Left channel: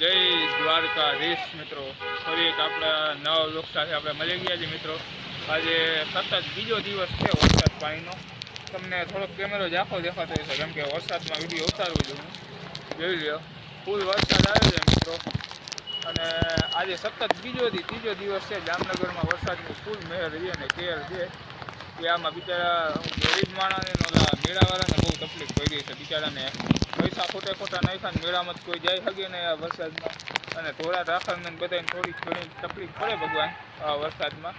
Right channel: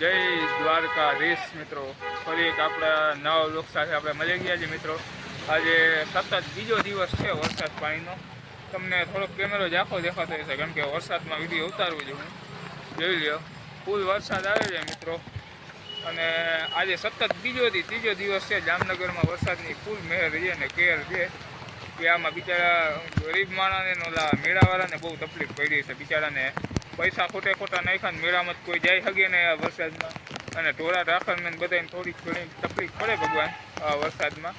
જય દ્વારકાધીશ મિત્રો. ફરી એક આપણા નવા લોક સાથે આપણે મળી ગયા છે મિત્રો. આજે સતત બીજો દિવસ છે વરસાદ પાણીનો. તમને થોડોક કેમેરો ઝાંખો દેખાતો હશે, કેમ કે વરસાદમાં વીડિયો ઉતારવું હું જોઈ લ્યો, ફૂલ વરસાદ આવે છે મિત્રો. અને આજે સતત બીજો દી, ત્રીજો દિવસ છે જામનગરમાં વરસાદની ફૂલ મહેર છે અને કેર છે. કે આમાં બિચારા ગરીબ માણસને મેળાવાળાને બહુ તકલીફ પડી છે બિચારાને. પૈસા ખોટે ખોટા નાખ્યા ને મેળામાં કોઈ જાય શકે ને આ વરસાદમાં. અને ઢોરા રાખરને બધાને થોડીક ઘણી તકલીફ પડે ભગવાન આ વરસાદમાં.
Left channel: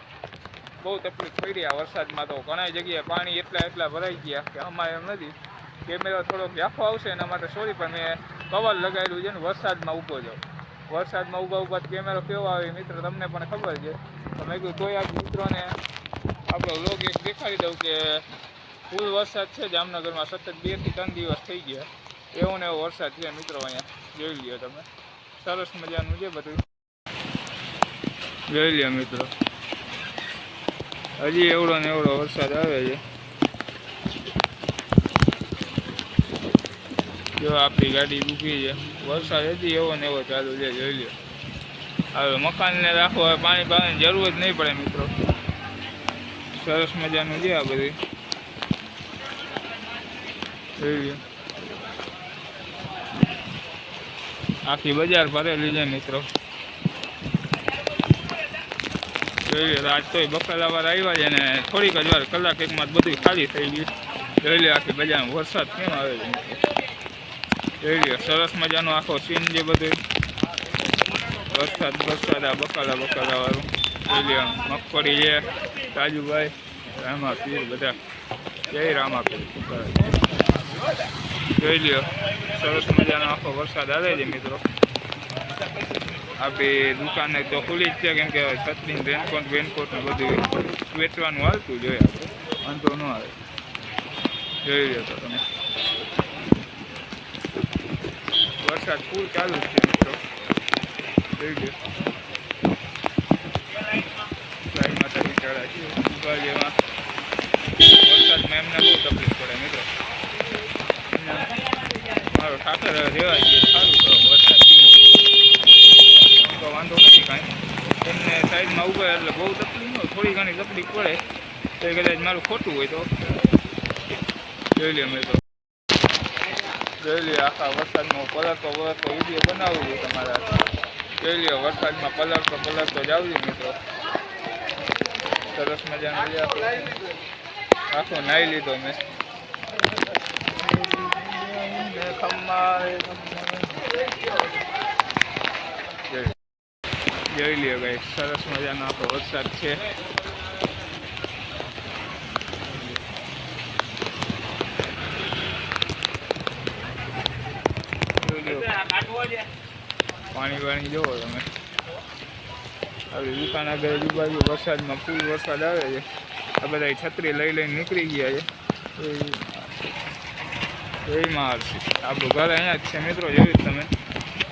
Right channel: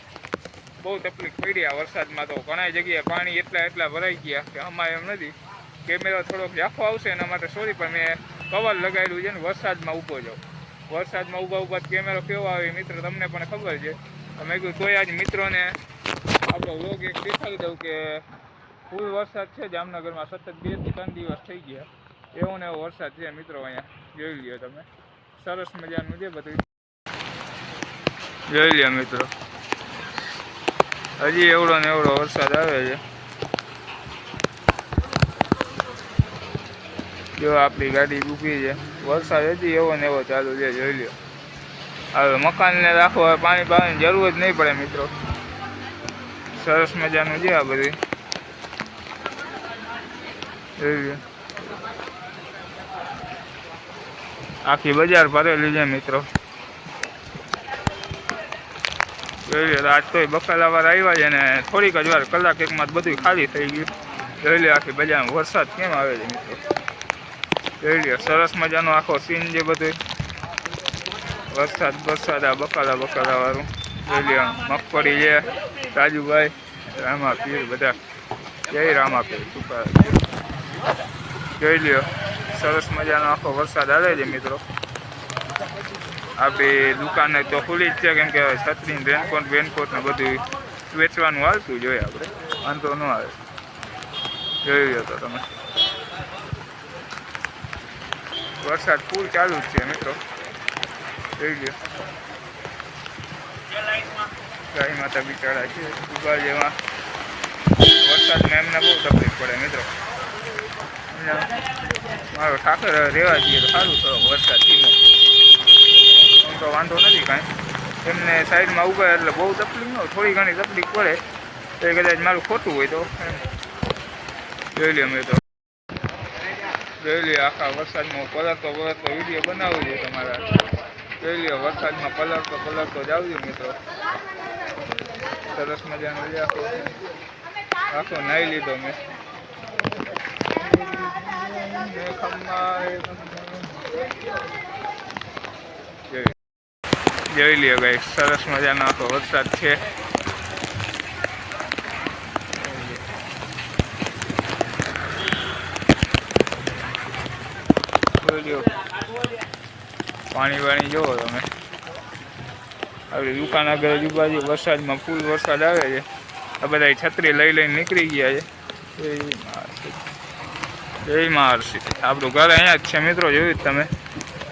બહુ તકલીફ પડી આ વરસાદમાં તો. ઘણા જગ્યાએ પાણી એટલા એટલા ભરાઈ ગયા કે અમારે એમ નથી. કેમેરા થોડોક ઝાંખો આવશે એના માટે સોરી પણ મેં કવર લગાવેલું છે ને વરસાદમાં ઊભો જાઉં વરસાદમાં ઊભા ઊભા કેમેરો કેવો આવે મિત્ર તમને પણ ખબર છે. મેં કીધું તોય આજ મિત્રોને આપણો લોગ એક દેખાડી દઉં કે ફૂલ વરસાદ છે. જામનગરમાં સતત બેથી ત્રણ દિવસ થઈ ગયા. એવો ને એવો વરસાદ છે મિત્રો અહીંયા. જોઈ લ્યો તમે. સરસ મજાનું છે બધું. જોઈ લ્યો મિત્રો. હજી એવડો ને એવડો વરસાદ આવે છે. જો આપણી ગાડી ઊભી છે. વરસાદ હજી એવો ને એવો ચાલુ છે, જોઈ લ્યો. હવે મકાનને રાખો હવે પાણી પાણીની જરૂર જ નહીં પડે મિત્રો. સરસ મજાનું છે આ બધી જોઈ લ્યો. આખી બજાર ભરેલી છે મિત્રો. જોઈ આજ તોય બકાલાવાર આવ્યા છે ને થોડીક જ વાર કલાક એકમાં બધું ખાલી થઈ ગયું. જોઈ લે આખી બજારમાં વરસાદ કેમ આવે છે મિત્રો. જોઈ લ્યો, સરસ મજાનો આખો સીન છે બધું વરસાદ વરસાદ, આ બકાલા બકાલા વાળું જોઈ લ્યો, મગફળી છે, રાજુભાઈ રામા પીર બધા. જય રામા પીર જોઈ લ્યો સરસ મજાનો આખો વરસાદ આવે છે મિત્રો. આપણી દુકાને તો ખુલ્લી જ છે, કેમ કે છત્રી રેનકોટ વેનકોટ ને બધું વેચવાનું હાલતું જોઈએ આપણે વાંધો ન આવે. જોઈ લો તો તમે. વરસાદ ફૂલ ચાલુ જ છે મિત્રો. જોઈ લો ગાય માતા બિચારા છે ઉગા જેમાં વરસાદમાં એમને બહુ તકલીફ પડે મિત્રો. મારો ઠાકર રહેવા જઈએ તો સારું થોડો વરસાદ ધીમો. તો વાંધો નથી કાંઈ. એમને સાઈડમાં ઊભા એટલે બહુ તકલીફ ન થોડી ઘણી તકલીફ પડે. તો એ કદાચ મારું ખોટું હોય તો. જોઈ લે મેં તો. જોઈ લે આખા વરસાદમાં પલરતો પલરતો વીડિયો બનાવું છે તમારા. જોઈ લે વરસાદમાં પલરતો પલરતો જાવ છે મિત્રો. સરસ મજાનો આખો નાહી લીધો મેં. જોઈ- લ્યો ભાઈ સરસ મજાનો આખો વરસાદ છે. પાણી વાણી જોવો તમે. આપણી દુકાન આગળ આજુબાજુ વરસાદમાં ફૂલ વરસાદ આવે છે. આ બધા છત્રી લઈ લઈને નીકળી ગયા છે. જય મહર્ષિ આપણું ઘર અહીંયા જ છે મિત્રો, જોયું તમે?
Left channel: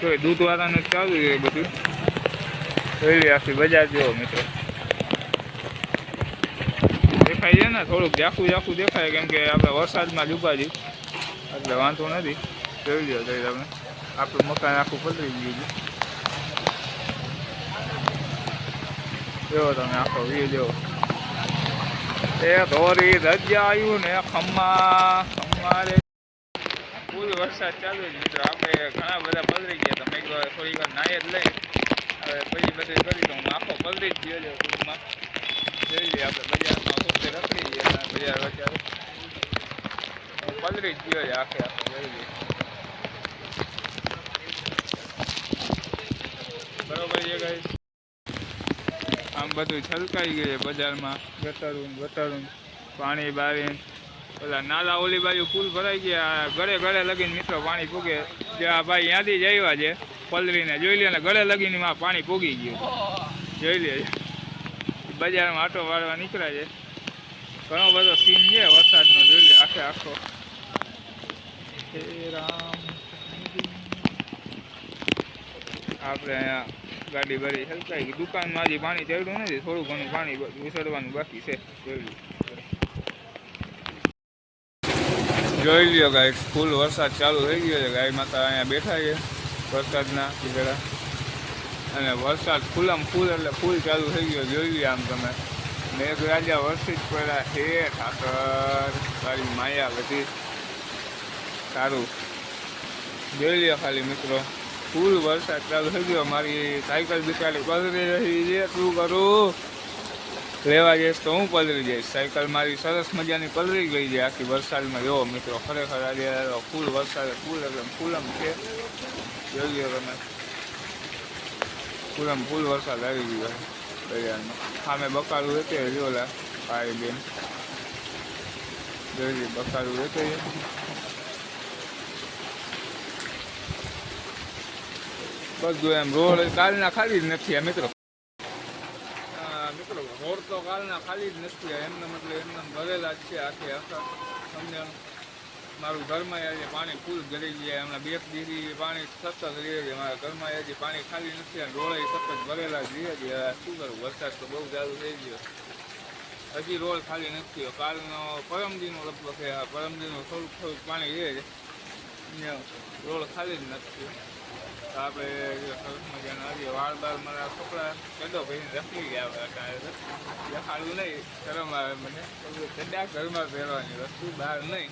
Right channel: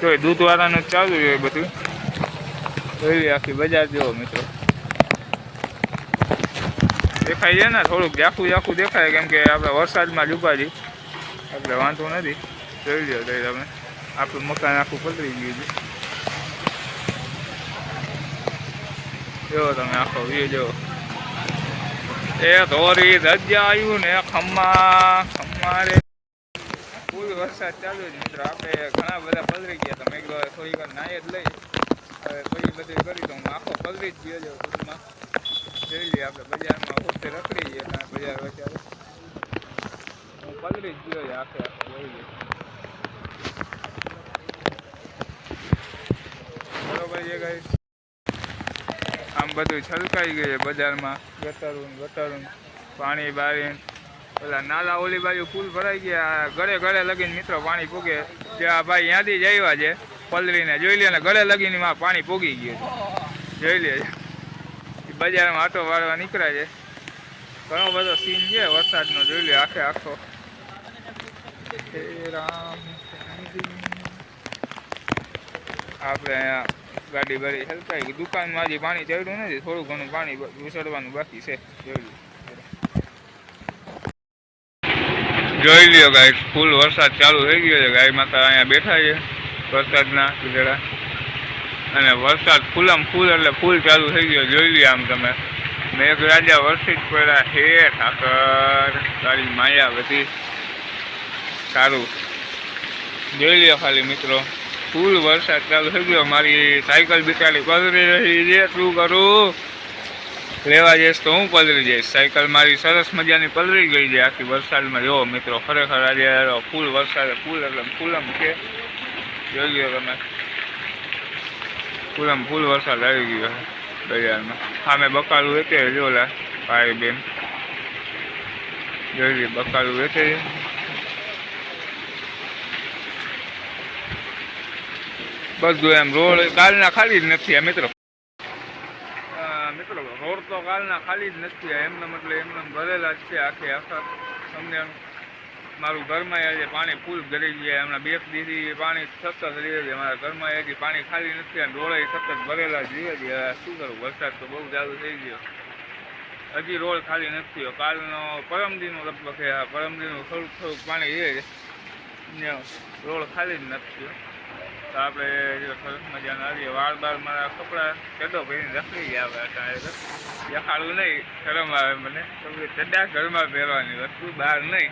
જોઈ દૂધવાળાનું ચાલુ હોય બધું. જોઈ આખી બજાર જોવો મિત્રો. દેખાય છે ને, થોડુંક ઝાખું ઝાખું દેખાય, કેમ કે આપણે વરસાદમાં ઊભા એટલે વાંધો નથી. જોઈ લો તો તમે? આપણું મકાન આખું પલરી ગયું છે. જો તમે આખો વ્યૂ જો એ ધોરી રજાયું ને ખમ્મા ખમ્મા રે. ફૂલ વરસાદ ચાલુ છે મિત્રો. આપણે ઘણા બધા પલરી ગયા તમે એક વાર થોડી વાર નાય જ લઈ. હવે પછી બધું કરી દઉં. આખો પલરી જ ગયો છે ટૂંકમાં જોઈ લઈએ આપણે બજારમાં વખતે રખડી ગયા બજાર અત્યારે. પલળી જ ગયો છે આખે આખો, જોઈ લઈએ. બરોબર છે ગાઈસ? આમ બધું છલકાઈ ગયું છે બજારમાં. ગટરું ગટરું પાણી બારી ઓલા નાલા ઓલી બાજુ પુલ ભરાઈ ગયા ગળે ગળે લગીને મિત્રો પાણી પૂગે. આ ભાઈ ત્યાંથી જ આવ્યા છે પલરીને જોઈ લે ને, ગળે લગીને માં પાણી પૂગી ગયું જોઈ લે બજારમાં આટો વાળવા નીકળ્યા છે. ઘણો બધો સીન છે વરસાદનો, જોઈ લે આખે આખો. આપણે અહીંયા ગાડી ભરી હલકાઈ. દુકાનમાં હજી પાણી ચડ્યું નથી, થોડું ઘણું પાણી ઉછળવાનું બાકી છે, જોઈ લો જોઈ લ્યો ગાય, ફૂલ વરસાદ ચાલુ થઈ ગયો છે. ગાય માતા અહીંયા બેઠા છે વરસાદના કીધડા અને વરસાદ ફૂલમ ફૂલ એટલે ફૂલ ચાલુ થઈ ગયો. જોઈ લ્યો આમ તમે. મેઘરાજા રાજા જ પડ્યા હે ઠાકર તારી માયા બધી સારું. જોઈ લ્યો ખાલી મિત્રો. ફૂલ વરસાદ ચાલુ થઈ ગયો. મારી સાયકલ બિચારી પધરી રહી છે. શું કરું? લેવા જઈશ તો હું પલરી જઈશ. સાયકલ મારી સરસ મજાની પલરી ગઈ છે આખી વરસાદમાં જો મિત્રો, ખરેખર આજે ફૂલ વરસાદ, ફૂલ એટલે ફૂલમ છે. જોઈ ગયો તમે. ફૂલમ ફૂલ વરસાદ આવી ગયો બજારમાં. સામે બકાલું વેચે જો લા, ભાઈ બેન. જોઈ બકાલું વેચે બધું એમ રોડ, કાલના ખાલી જ નથી આ મિત્રો. કાલના ખાલી જ નથી એમને મતલબ એમને ભરેલા જ છે આખે આખા તમને મારું ઘરમાં આજે પાણી ફૂલ ગરી ગયા, હમણાં બે દીધી પાણી સતત રહે છે, મારા ઘરમાં હજી પાણી ખાલી નથી અને રોડે સતત ભરેલા જ રહે છે શું કરું, વરસાદ તો બહુ ચાલુ થઈ ગયો. હજી રોડ ખાલી નથી થયો, કાલનો પરમદીનો લગભગ આ પરમદીનું થોડુંક થોડુંક પાણી રહે છે. રોડ ખાલી જ નથી થયો. તો આપણે સરસ મજાના આવીએ. વાળ બાર મારા કપડાં ચડો પહેરીને રખડી હવે અટાણે દેખાડવું નહીં, શરમ આવે મને. તો ચડ્ડા ઘરમાં પહેરવાની વસ્તુ બહાર નહીં.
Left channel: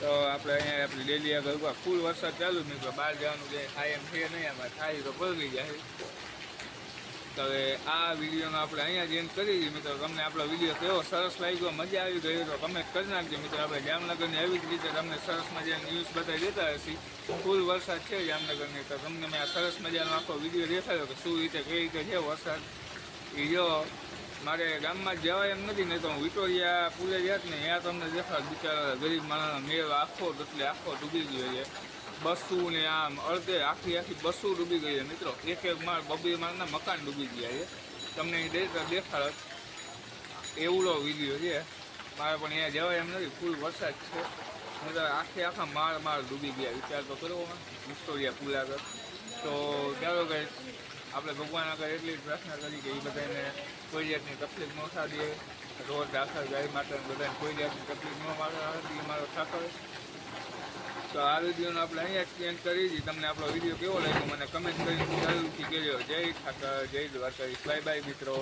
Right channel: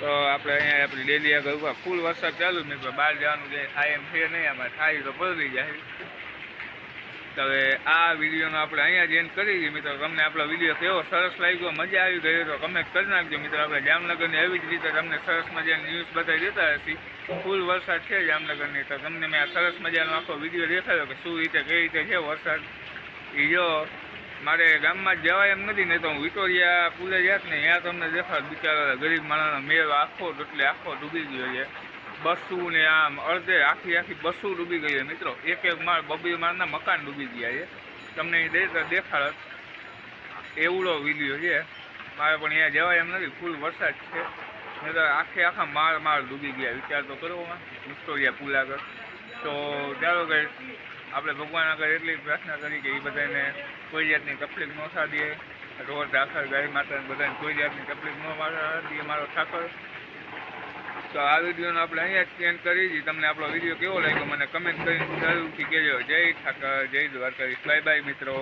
તો આપણે અહીંયા આપણી ડેલી આગળ ફૂલ વરસાદ ચાલુ નહીં બહાર જવાનું જાય થાય એમ છે નહીં. આમાં થાય તો પલળી જાય. તો હવે આ વિડીયોનો આપણે અહીંયા જ એન્ડ કરી દઈએ. મિત્રો, તમને આપણો વીડિયો કેવો સરસ લાગ્યો, મજા આવી ગઈ તો કમેન્ટ કરી નાખજો. મિત્રો, આપણે જામનગરની એવી જ રીતે તમને સરસ મજાની ન્યૂઝ બતાવી દેતા હશી. ફૂલ વરસાદ છે જામનગરની. તો તમને મેં આ સરસ મજાનો આખો વીડિયો દેખાડ્યો કે શું રીતે, કઈ રીતે છે વરસાદ. એ જો, મારે ગામમાં જવાય એમ નથી, નહીં તો હું વિટોરિયા પુલે જાત ને ત્યાં તમને દેખાડ. બિચારા ગરીબ માણસનો મેળ આખો એટલે આખો ડૂબી ગયો છે. બસું ને આમ અડધે આખી આખી બસું ડૂબી ગઈ છે મિત્રો. એક એક માળ બબી માળના મકાન ડૂબી ગયા છે. તમને એ દેખાડત એવડો વીડિયો છે. મારે પણ અહીંયા જવાય એમ નથી. ફૂલ વરસાદ છે. નહીં તો આખે આખા માળ માળ ડૂબી ગયા. વિચાર તો કરો માં વિક્ટોરિયા પુલ આગળ તો ચાલો કે આપણે ભગવાન આગળ એટલી પ્રાર્થના કરી કે એ બધાને કોઈ જાતની તકલીફ ન થતી રોજ આખર ગાય માતાને બધાને કોઈ જાતની તકલીફ ન થતી અમારો ઠાકર. તો આ વિડીયોનો આપણે અહીંયા જ એન્ડ કરી દીધી તમને આપણો વીડિયો કેવો લાગ્યો મને કમેન્ટ કરીને જરૂરથી કહેજો. જય ઠાકર, જય દ્વારકાધીશ. બાય બાય મિત્રો.